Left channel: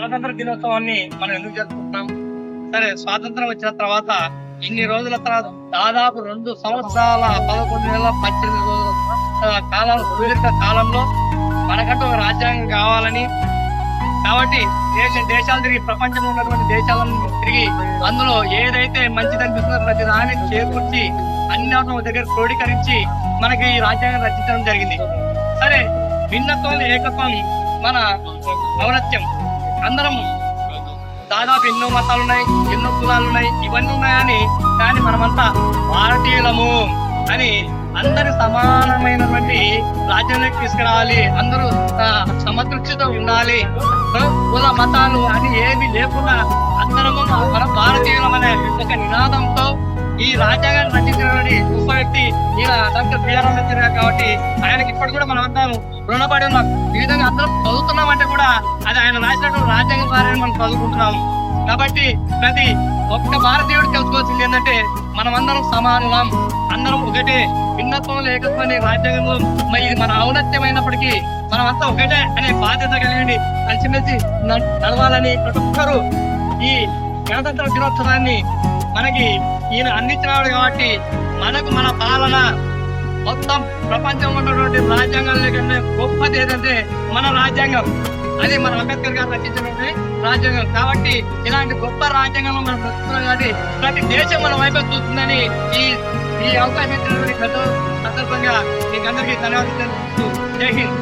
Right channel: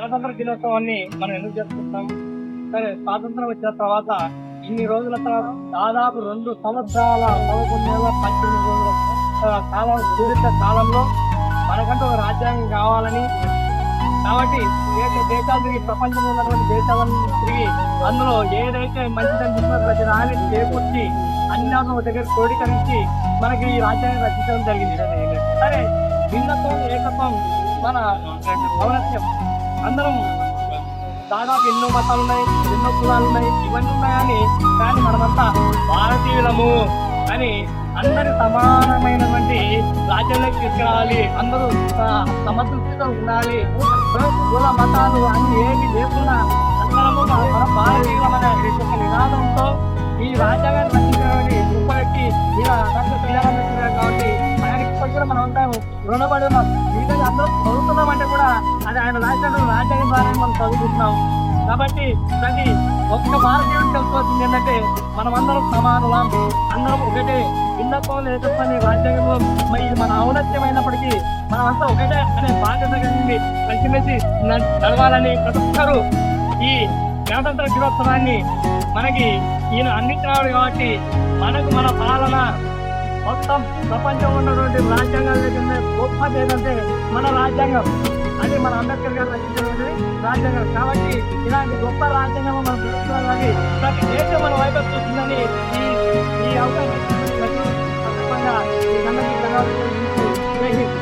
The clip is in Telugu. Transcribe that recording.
గణతంత్ర దినోత్సవాన్ని మనం ఎందుకు జరుపుకుంటున్నాం? సరే, స్వాతంత్రం వచ్చిన తర్వాత ఇన్ని రోజుల తర్వాత దాదాపు 2 సంవత్సరాల 11 నెలల 18 రోజుల కాలం, సుదీర్ఘ కాలంలో మనకంటూ ఒక రాజ్యాంగం కావాలని, కాబట్టి దేశాలు తిరిగి, ప్రపంచంలో ఉన్నటువంటి దేశాలను తిరిగి అందులో ఏదైతే మంచిదనిపిస్తుందో ప్రతి దాన్ని చేకూర్చి అన్ని ఒక దగ్గర క్రోడీకరించి మనకి ఈ రాజ్యాంగం రచించడం జరిగింది. సరే, భిన్నత్వం ఏకత్వం మన ఔన్నత్యం. అందరం దాదాపు ఎన్నో మతాలు ఉన్నాయి, ఎన్నో కులాలు ఉన్నాయి, ఇవన్నీ ఉన్నాయని కానీ మనమంతా భారతీయులము అని అందరూ సమానమైనటువంటి రాజ్యంలోకి తీసుకురావాలి, అందరూ సమదృష్టితో ఉండాలి, కుల మతాలు అని ఏమీ లేకుండా అందరము మన భారతీయులమనే ఒక నినాదంతో ఈ రాజ్యాంగాన్ని రచించినటువంటి గొప్ప వ్యక్తి ఈయన డాక్టర్ బిఆర్ అంబేద్కర్ గారు. కాబట్టి ఆయనకి ఇప్పటి కూడా మనం అంతా రుణపడి ఉన్నాం. ఈ విధంగా అందరం చదువుతున్నామంటే కూడా అది ఆయన రాసినటువంటి రాజ్యాంగం ద్వారా మనం చదువుకుంటున్నాం. కాబట్టి ప్రతి ఒక్క భారతీయుడు తెలుసుకోవాల్సింది ఏంటంటే మనమందరం సమానులం, అందరం ఒకటే, భిన్నత్వంలో ఏకత్వాన్ని రాజ్యాంగంలో మరి ఇది మన ఔన్నత్యమైనప్పటికీ మనమంతా ఒకటే అనే బాధ్యత కలిగి కలిసిమెలిసి నడవాలని ప్రతి ఒక్కరూ ఈ గణతంత్ర దినోత్సవాన్ని మనకి ఈయన అందించినాడు. కాబట్టి మనకు మన పాలన మొత్తం ప్రపంచంలో ఉన్నటువంటి రాజ్యాంగాల కన్నా గొప్పది ఏదంటే మన రాజ్యాంగం. అది మన అంబేద్కర్ గారు రచించినటువంటి రాజ్యాంగం. కాబట్టి ఇలాంటి గొప్ప రాజ్యాంగంలో మనం బ్రతుకుతున్నాం. కానీ ప్రతి దేశం మన వైపు చూస్తుందని ఈ అవకాశం ఇచ్చినటువంటి సందర్భంగా మీకు అందరికీ ధన్యవాదాలు తెలుపుతూ జై హింద్.